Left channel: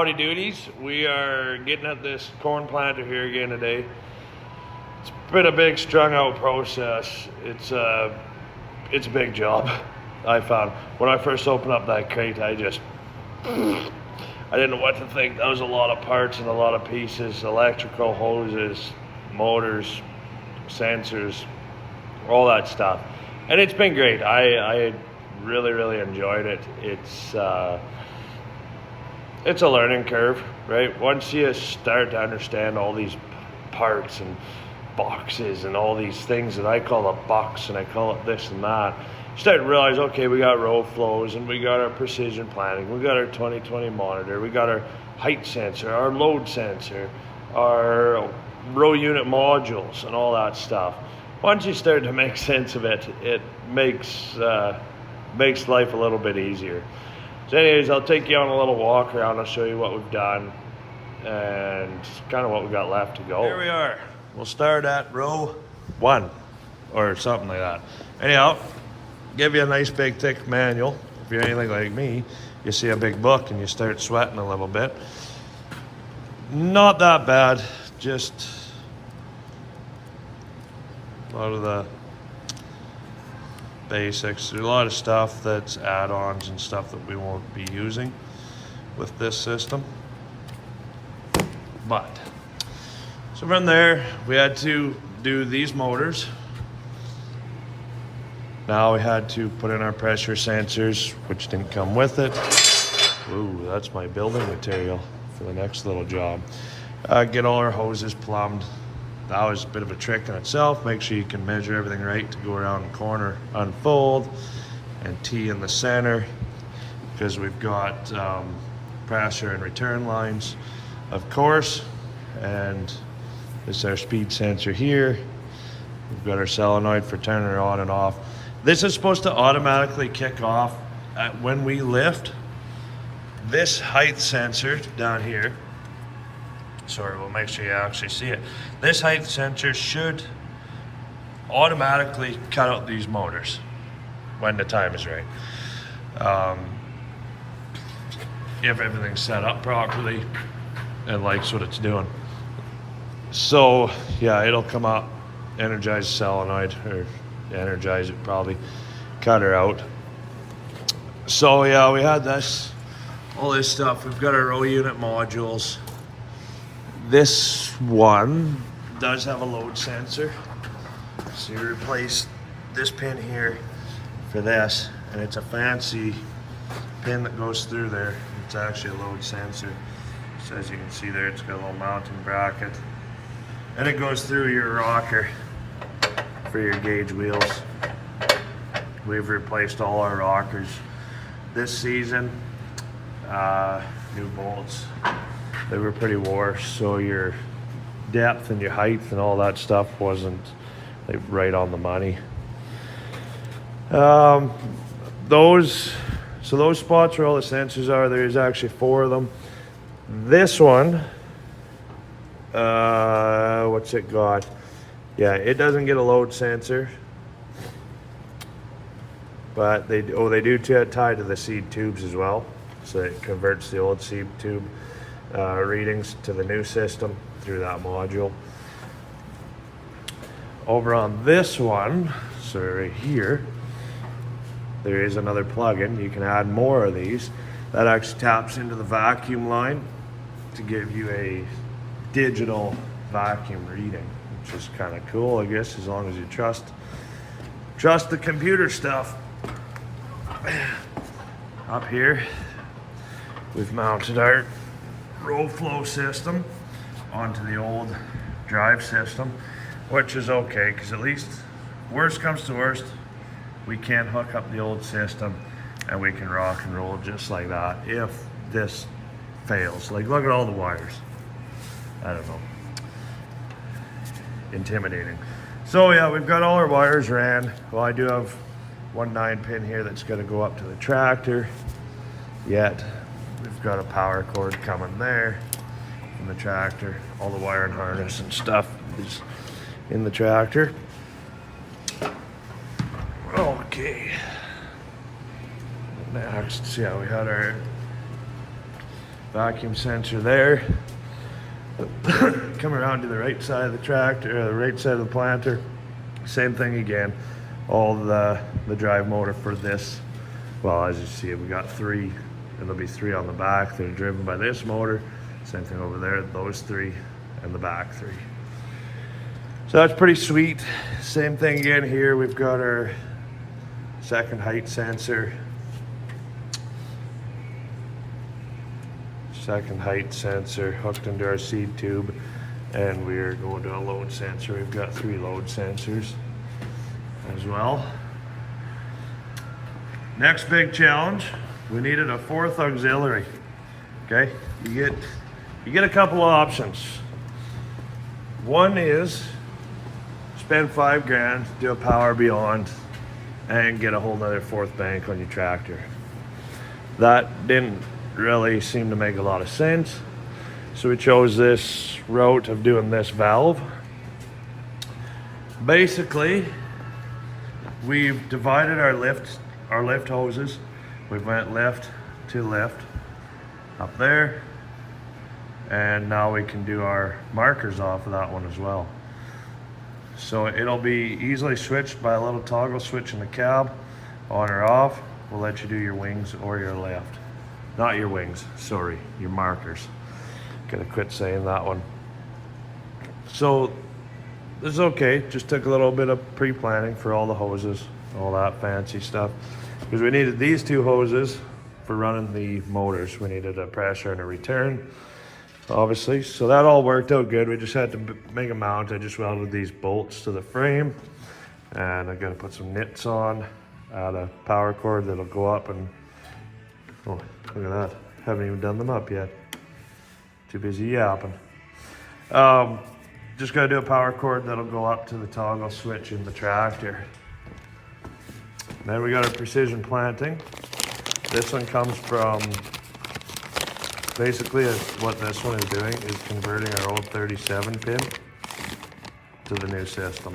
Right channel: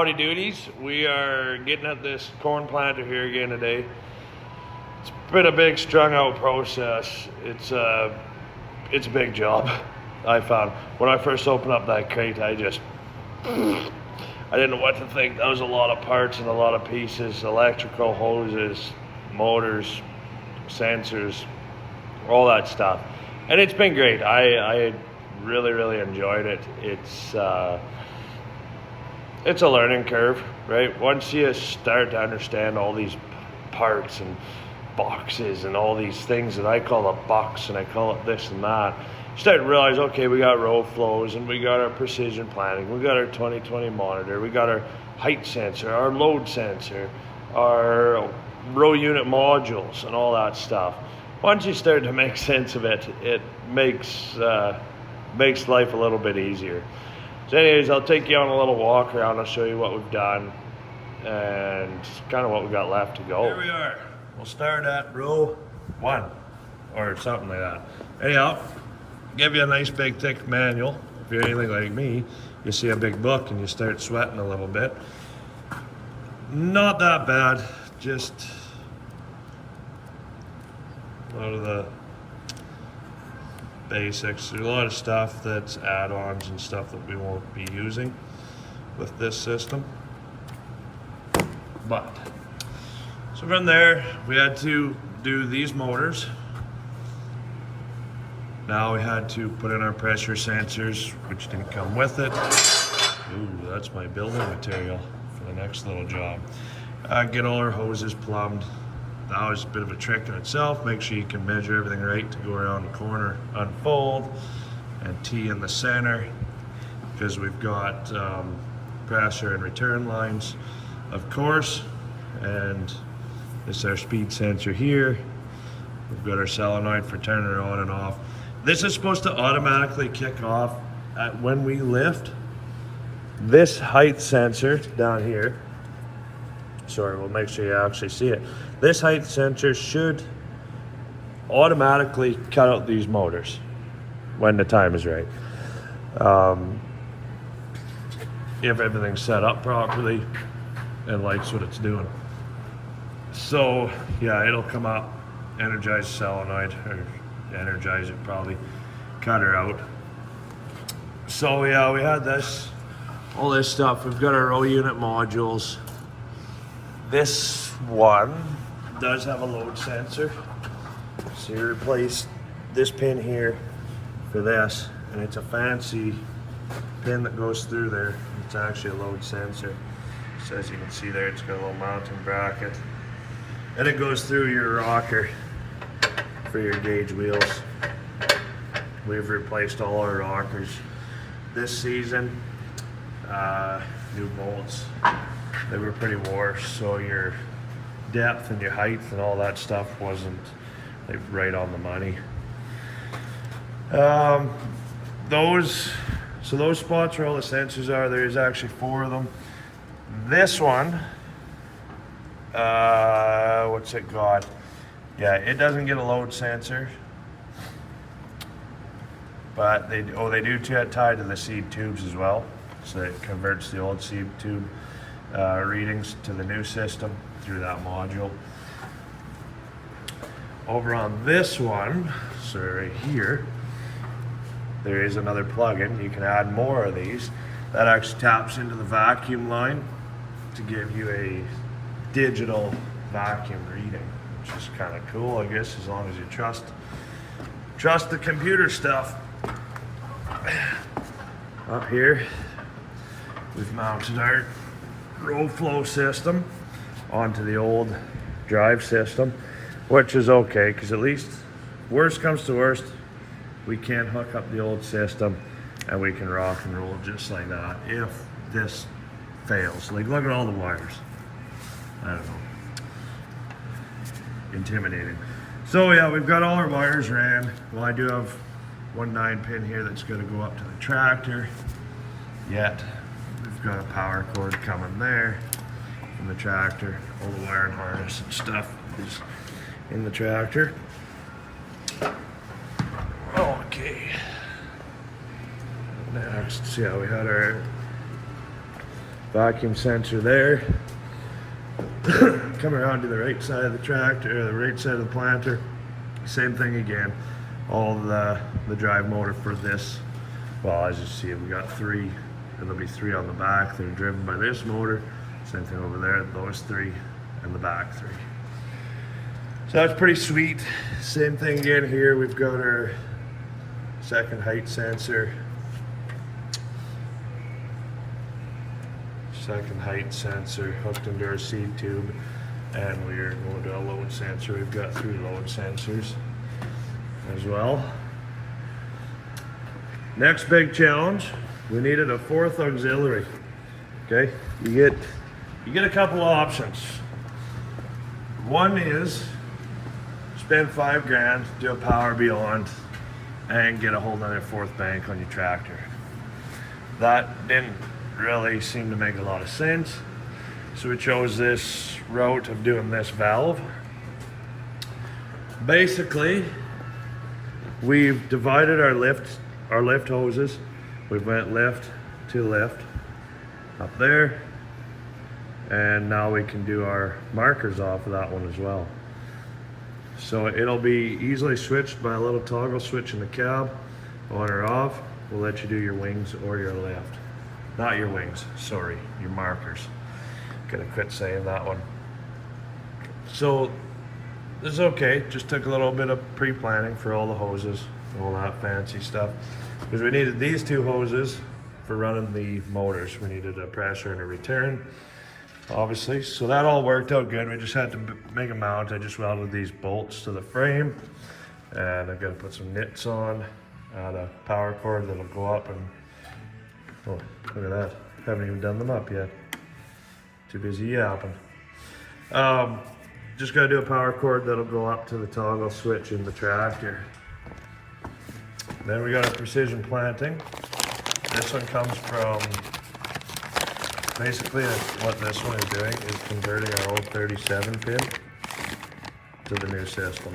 Howdy doodies. We are getting at this corn planter here again today. It's been a big strung out process. It's a big job. I found when I first opened up that crate, I didn't know what to think. That was a lot of parts and a lot of pieces, electrical hoses, motors, sensors, all that stuff. And it's been great. I really enjoyed it. It's a learning curve, right? Once you start to understand all these parts and boxes and all these things that I call a box and I call it this and that, you start to realize, okay, we got row flows and we got our precision planning, we got our 2020 monitor, we got our height sensor, our load sensor, our row unit modules and all that stuff. Once you start to make sense of it, it makes life a little bit easier. So anyways, I'll take you on a little walk around. I'll show you what we've done and kind of what we got left to go. Here we are. We'll start at row 1 or something like that. Anyhow, give you a nice big thick manual. If you're anything like me, you see a big book and you start sweating a little bit. Not that bad, just a lot of the basics. There's a lot of stuff that's add-ons and stuff that we won't be using with this system. But so from there, we had to do these motors. Now we had to put in our pressure sensors, which didn't come with it. Ooh, that's my building material for the next little job. Get all our hoses plumbed. That was a bit of a trick in itself. Make sure you can measure everything right to go around the corner, unfold, and tee in the center, because we've got pressure and return lines, of course, and this is our speed sensor here. We've got our solenoid for turning it on and off. This is supposed to automatically kick off when we lift. This height sensor down here, sorry, we'll make sure you actually see it. This height sensor should automatically cut out these motors when the time is right. If everything's set up properly and likes what it's doing. So yeah, it'll come up, energize the solenoid, or energize it probably, cut her out. So yeah, we had all this stuff. We've got our row unit modules. This one does have a load sensor. So you replace this pin here for this, and it's a fancy pin that goes through there. It's actually a load sensor. So as you can see there, it's got a little mounting bracket. And it goes through your rocker for your gauge wheels. We've replaced all our rockers this season. New bolts. They were pretty wore, so your depth and your height and all that stuff wasn't right on the money. Those spots where all the sensors are, there's actually 4 of them. This one, what's it got? Yeah, it doesn't get a load sensor, but they do tie to the seed tubes as well, so it converts the old seed tube readings to the new system through that module. Over on this one, so right here, there is another plug-in. You can add more of these. That actually taps into the vacuum line to give you a digital vacuum reading, which is kind of cool, I guess, as long as you trust the computer stuff. Up here, we've mounted our row flow system onto the old drive system, which is okay, because at least worst comes to worst, we can hook up the old system and we can rock and roll just like that if this fails. Like, look at all the wires. I don't know, intimidating. So yeah, we've got all our wires ran. Well, I do have one 9-pin here that's going to go up to the tractor. Yet we've got a power cord coming there from the tractor. All the wiring harness and stuff is in the tractor. Okay. Next, yeah, we had our vacuum sensor there. Come around to the right side of the tractor, the right side of the planter. Same thing again. All the drive motor for this. Well, as you see, we got 3, and there'll be 3 on the back that are driven by this motor. Same thing over there, those 3, and the back 3. So that's pretty sweet. Same thing again here. We've got our second height sensor. Second height sensor hooked into our seed tube, and we're going to a load sensor. We've got 3 load sensors as well. Next big challenge, we needed a 4th auxiliary. Okay, you get a couple of options. One is spend 5 grand, do a power beyond, and get a whole nother 4th bank on your tractor. That didn't really seem to make a lot of sense, so we chose this route of doing this valve. Basically, we've divided our lift hoses. We went lift to lift up there, and now we can do our markers off of that one as well. So it'll be easily switched by a little toggle switch in the cab, on or off. We'll let you do your wings or your lift. Not your wings, sorry, your markers. Gotta quit saying that one. So this is okay, just took a little bit of pre-planning for all the hoses, all that fancy stuff. Because we needed these 2 hoses for running the motors. We needed a pressure and a return, obviously. So that all worked out good. We just had to make a mount. I just welded these bolts to the frame, and I gotta put some nits on, add a power cord that'll go up, and oh, look at that. Haven't even done them up yet. Too busy yapping. Just gotta do a power cord that'll go up to the toggle switch in the tractor. Then we got a precision planting. This one comes from, basically what this one is doing is converting our old 37 pin to the new system.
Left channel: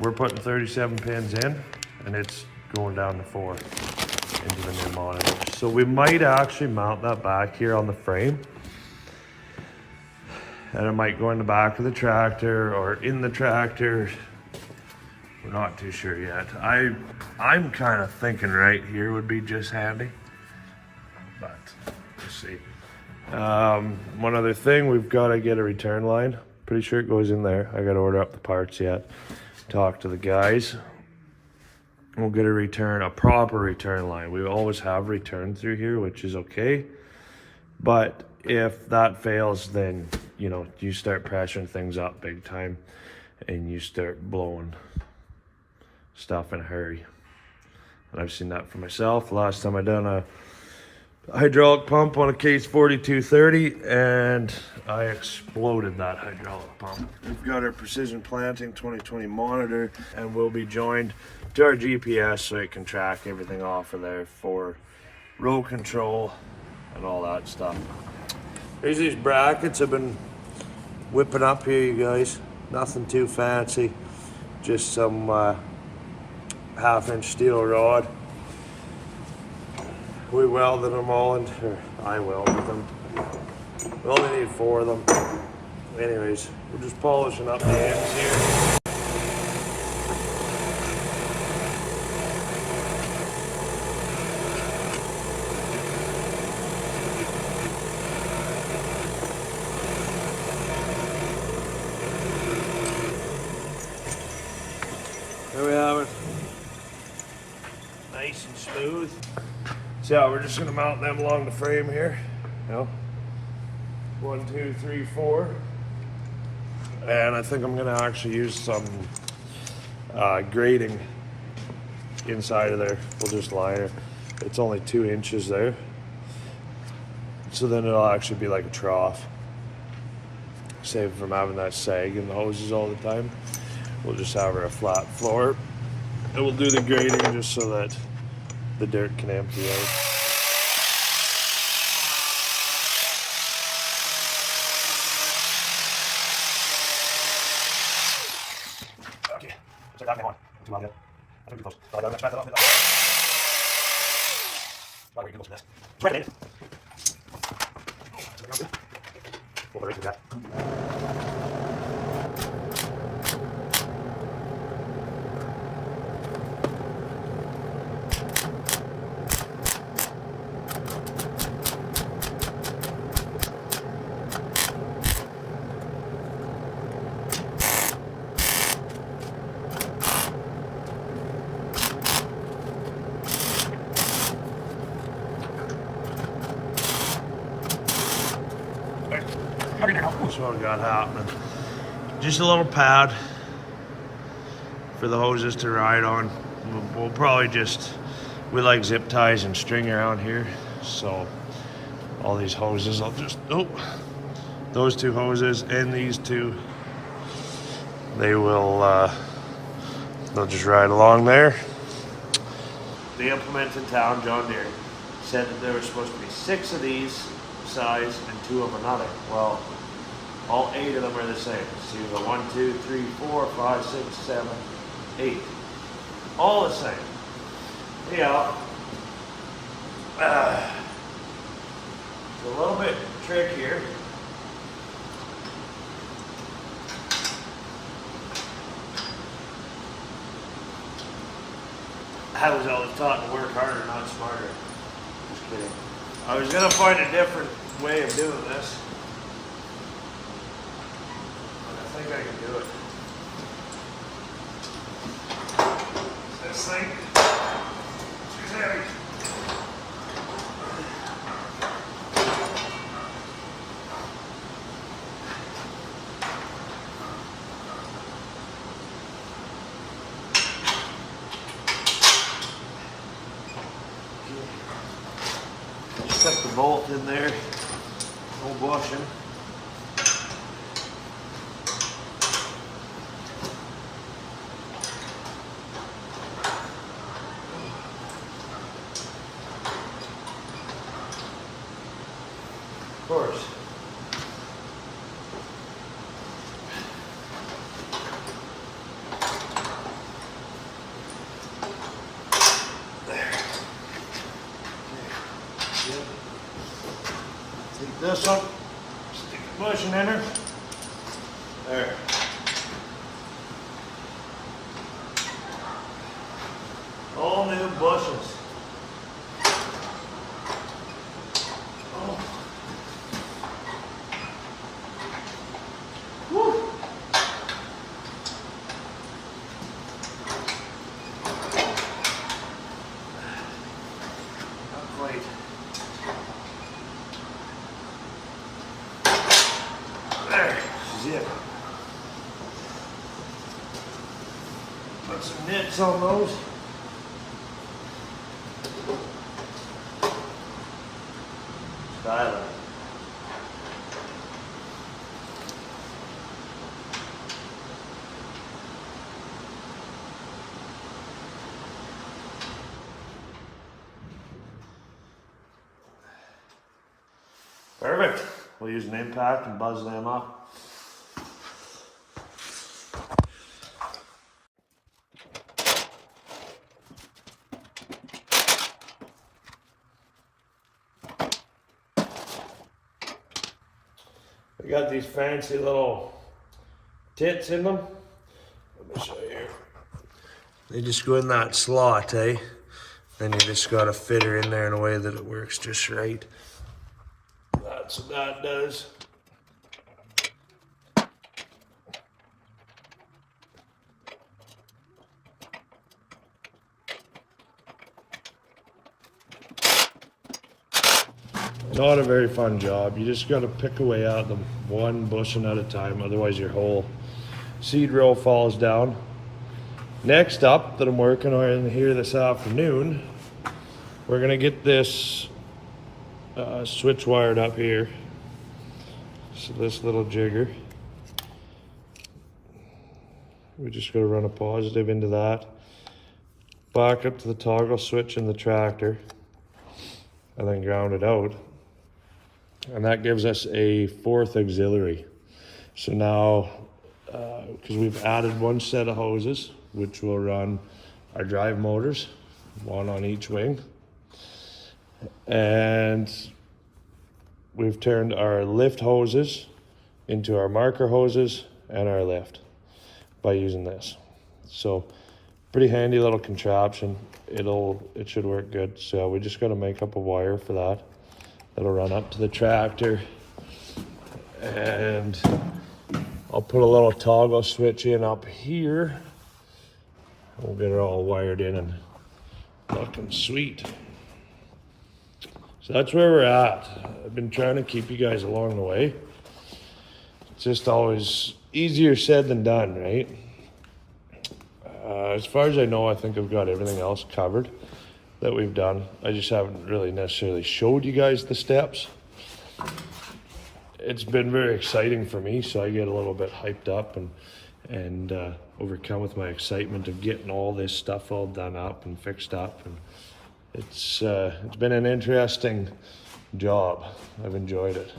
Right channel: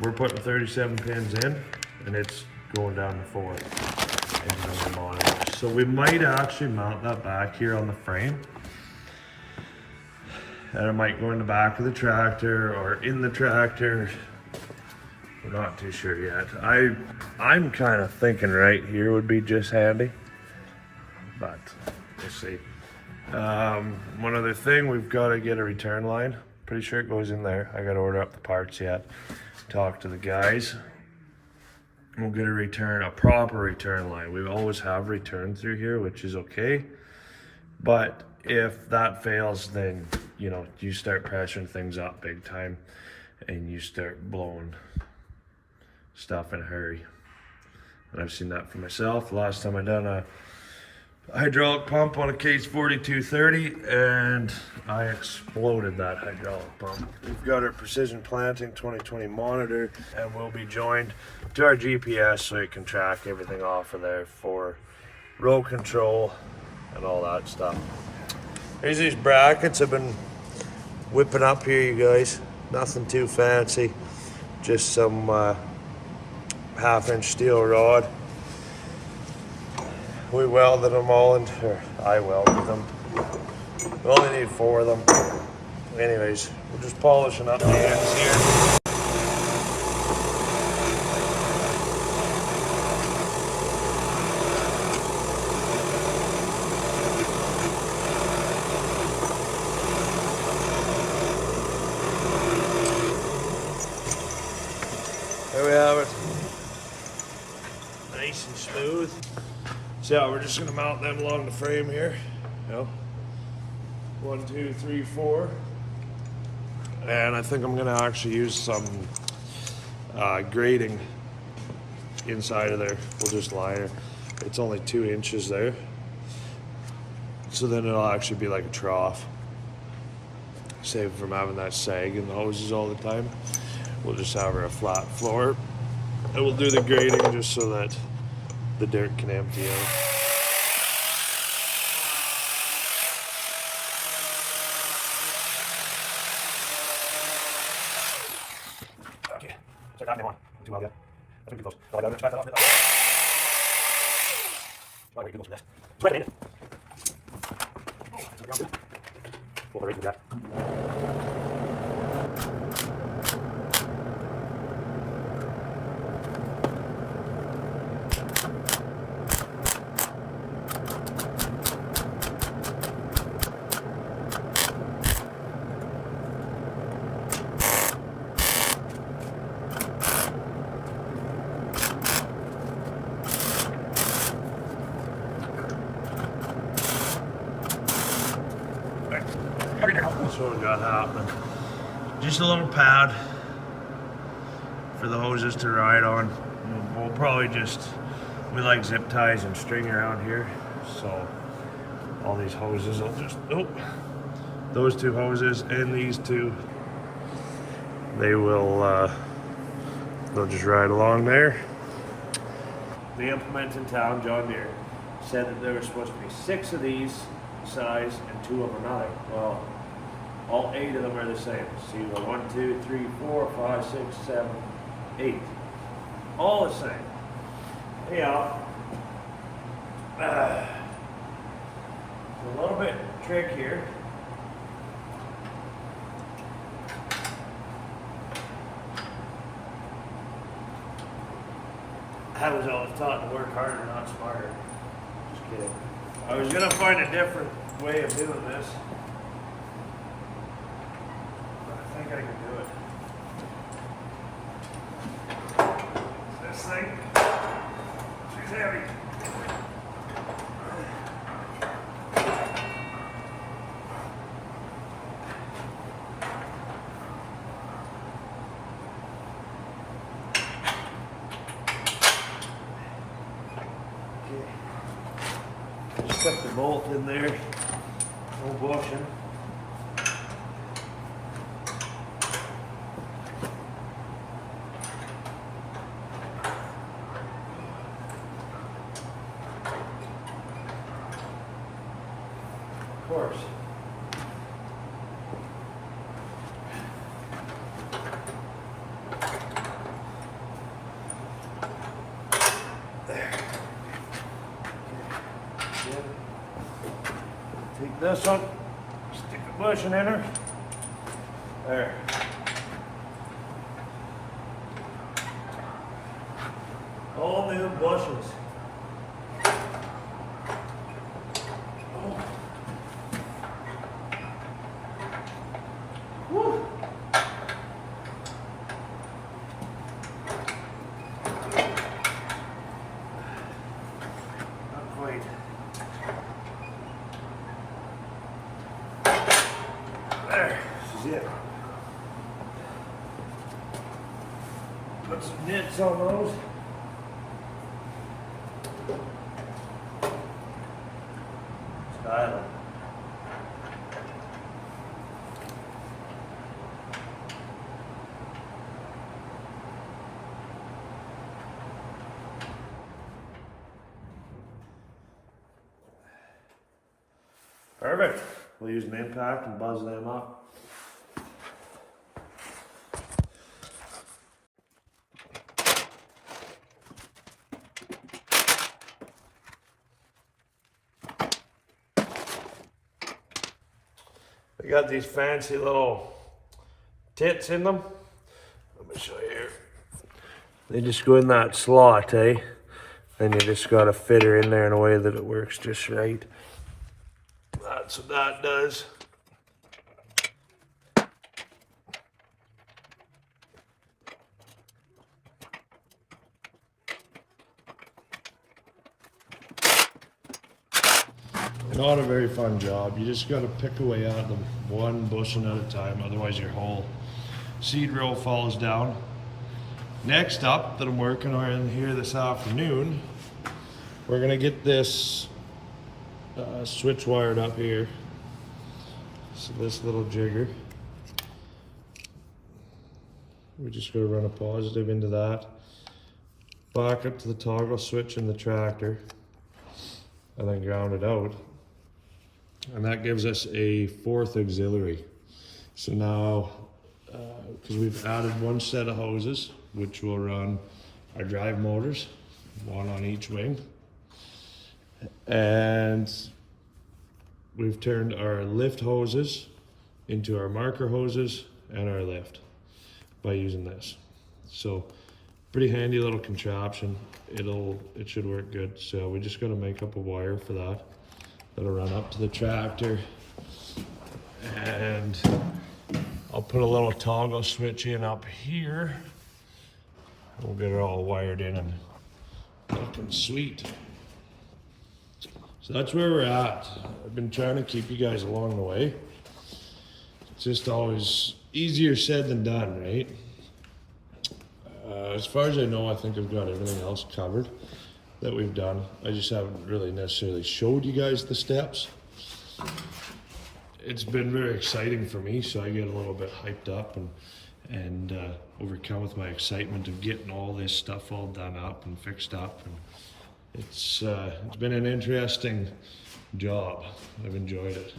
We're putting 37 pins in, and it's going down to 4 into the new monitor. So we might actually mount that back here on the frame, and it might go in the back of the tractor or in the tractor. We're not too sure yet. I'm kind of thinking right here would be just handy, but we'll see. One other thing, we've got to get a return line. Pretty sure it goes in there. I got to order up the parts yet. Talk to the guys. We'll get a proper return line. We always have return through here, which is okay. But if that fails, then you start pressuring things up big time, and you start blowing stuff in a hurry. And I've seen that for myself. Last time I done a hydraulic pump on a case 4230, and I exploded that hydraulic pump. We've got our precision planting 2020 monitor, and we'll be joined to our GPS so it can track everything off of there for row control and all that stuff. Here's these brackets I've been whipping up here, you guys. Nothing too fancy, just some 1/2-inch steel rod. We welded them all in, or I welded them. We only need 4 of them. Anyways, we're just polishing up the ends here. There we have it. Nice and smooth. So yeah, we're just gonna mount them along the frame here. 1, 2, 3, 4. And I think I'm gonna actually use some grating inside of there. We'll just line it. It's only 2 inches there. So then it'll actually be like a trough. Save from having that sag in the hoses all the time. We'll just have a flat floor. And we'll do the grading just so that the dirt can empty out. Okay, so that now on. Too well yet. That's pretty close. So I got to back that off. Why are you close to this? It's right in. That's what we got happening. Just a little pad for the hoses to ride on. We'll probably we like zip ties and string around here. So all these hoses, those two hoses and these two, they'll just ride along there. The implement in town, John Deere, said that there were supposed to be 6 of these size and 2 of another. Well, all 8 of them are the same. So you go 1, 2, 3, 4, 5, 6, 7, 8. All the same. Anyhow, it's a little bit trickier. I was always taught to work harder, not smarter. Just kidding. I was gonna find a different way of doing this. But I think I can do it. This thing, too heavy. Just cut the bolt in there, no bushing. Of course. There. Yep. Take this one, stick the bushing in her. There. All new bushings. Oh. Woo. Not quite. There, this is it. Put some nits on those. Style it. Perfect. We'll use an impact and buzz them up. We got these fancy little tits in them. Let me show you here. They just go in that slot, eh? Then you just gotta fit her in there in a way that it works just right. That's what that does. Not a very fun job. You just got to pick away at them one bushing at a time, otherwise your whole seed row falls down. Next up that I'm working on here this afternoon, we're gonna get this switch wired up here. So this little jigger, we just gotta run a positive into that, back up to the toggle switch in the tractor, and then ground it out. And that gives us a 4th auxiliary. So now, because we've added one set of hoses, which will run our drive motors, one on each wing. And we've turned our lift hoses into our marker hoses and our lift by using this. So pretty handy little contraption. It should work good. So we just got to make up a wire for that. That'll run up to the tractor, and I'll put a little toggle switch in up here. We'll get it all wired in and looking sweet. So that's where we're at. I've been trying to keep you guys along the way. It's just always easier said than done, right? As far as I know, I think I've got everything else covered that we've done. I just haven't really necessarily showed you guys the steps. It's been very exciting for me, so I get a little bit hyped up and overcome with my excitement of getting all this stuff all done up and fixed up. And it's been an interesting job. I've enjoyed it.